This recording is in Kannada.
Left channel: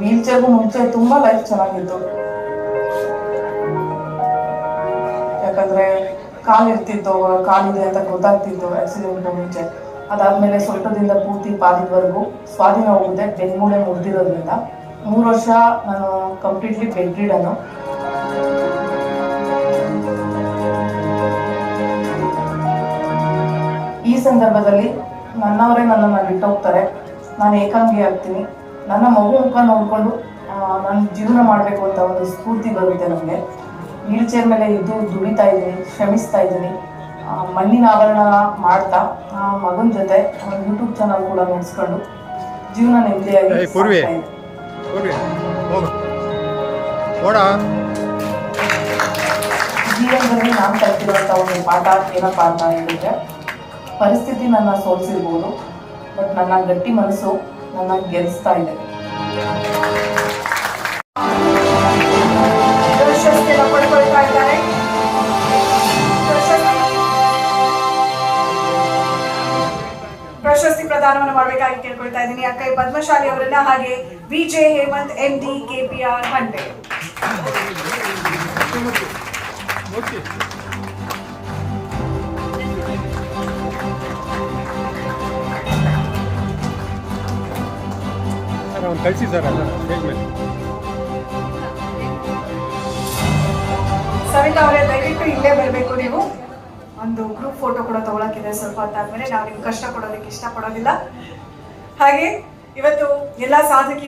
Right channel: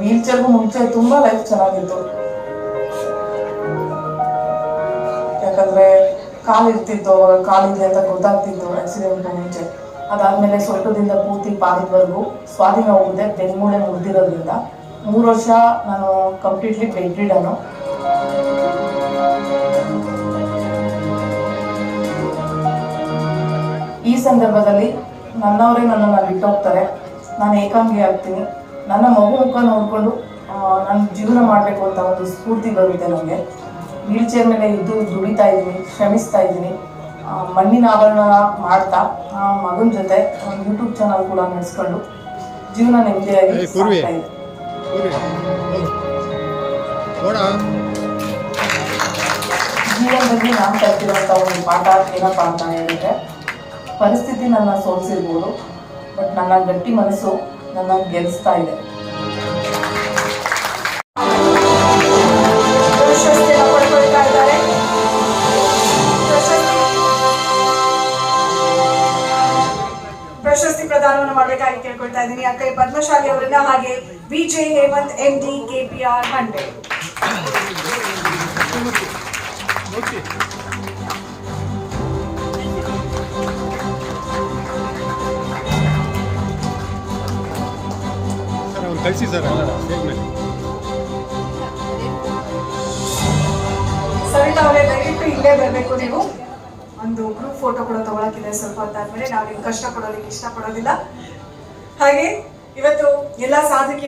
ವೀಲ್ ಚೇರ್ಗೂ ಮುಂಚೆ ತುಂಬಾ ಲೈಫ್ ಚೆನ್ನಾಗಿತ್ತು. ಯಾಕಂದ್ರೆ ಕಾಲಿರ್ತಿತ್ತು, ಕಾಲಿದೆ ಅಂತ ಗೊತ್ತಾಗ್ತಿತ್ತು ಆಕ್ಸಿಡೆಂಟ್ ಮುಂಚೆ. ಅದಾದ್ಮೇಲೆ ಸ್ವಲ್ಪದಿಂದ ಪೂರ್ತಿ ಪಾದದವರೆಗೂ ಸ್ವಾಧೀನ ಹೋಗುತ್ತೆ, ಬೆನ್ಮೂಳೆ ಮುರಿದಿರೋದ್ರಿಂದ. 3 ವರ್ಷ ನಾನು ಕಂಪ್ಲೀಟ್ಲಿ ಬೆಡ್ ರಿಡನು. ಈ ಸಂದರ್ಭದಲ್ಲಿ ನನ್ನವರೇ ನನ್ನನ್ನು ಬಿಟ್ಟೋಗ್ತಾರೆ, ನಾನು ಏಕಾಂಗಿ ಆಗ್ತೀನಿ. ನನ್ನ ಮಗು ಮುಖ ನೋಡಿಕೊಂಡು ನಾನು ಜೀವನ ಮಾಡಬೇಕು ಅಂತ ಒಂದು ಸ್ಫೂರ್ತಿ ಬರುತ್ತೆ ನನಗೆ. ವೀಲ್ ಚೇರ್ ಮೇಲೆ ಇದ್ದು ದುಡಿತಾ ಇದ್ದೀನಿ, ಶ್ರಮಿಸ್ತಾ ಇದ್ದೀನಿ. ಮಣ್ಣಿನ ಆಭರಣ ಮಾಡ್ತಾ ಮಗನ ಜೊತೆ ಒಂದು ಯೂಟ್ಯೂಬ್ ಚಾನಲ್ ಕೂಡ ನಡೆಸ್ಕೊಂಡು ಜೀವನ ನೆಮ್ಮದಿಯಾಗಿ ಸಾಗ್ತಾ ಇದೆ. ಜೀವನದಲ್ಲಿ ನಾನು ಕಲ್ತಿರೋಂಥ ಒಂದು ಪಾಠ ಏನಪ್ಪ ಅಂತ ಹೇಳಿದ್ರೆ, ಪರಿಸ್ಥಿತಿ ನನ್ನ ಸೋಲಿಸಿರ್ಬೋದು, ಬಟ್ ನನ್ನ ಗಟ್ಟಿ ಮನಸ್ಸು ನನ್ನ ಗೆಲ್ಲಿಸ್ತಾ ಇದೆ. ಪ್ರಶಸ್ತಿ ಪ್ರದಾನವನ್ನು ಮಾಡಬೇಕಾಗಿ ಕೇಳ್ಕೊಳ್ತಾ ಇದ್ದೀನಿ ಅಕ್ಕ ಪದ್ಮಶಾಲಿ ಅವರನ್ನ, ಹಾಗೆ VJ Hemanth MD KPR 100. Sir ಅವ್ನು ಕಳಿಸಿ ಸರ್ ಸ್ಟೇಜ್ ಮೇಲೆ. ಸವಿತಾ ಅವರೇ ದಯವಿಟ್ಟು ಇಲ್ಲೇ ಬರಬೇಕು. ನೀವು ಒಂದು ಗ್ರೂಪ್ ಫೋಟೋ ಕೂಡ ತಗೊಳಕ್ಕಿದೆ. ಸ್ವಲ್ಪ ಹೊತ್ತಾದ್ಮೇಲೆ ನಾವು ನಿಮ್ಗೆ ಕಷ್ಟ ಕೊಡೋದಕ್ಕೆ ಇಷ್ಟಪಡೋದಿಲ್ಲ. ಹಾಗೆ ಇವತ್ತು ಎಲ್ಲ ಸಾಧಕಿ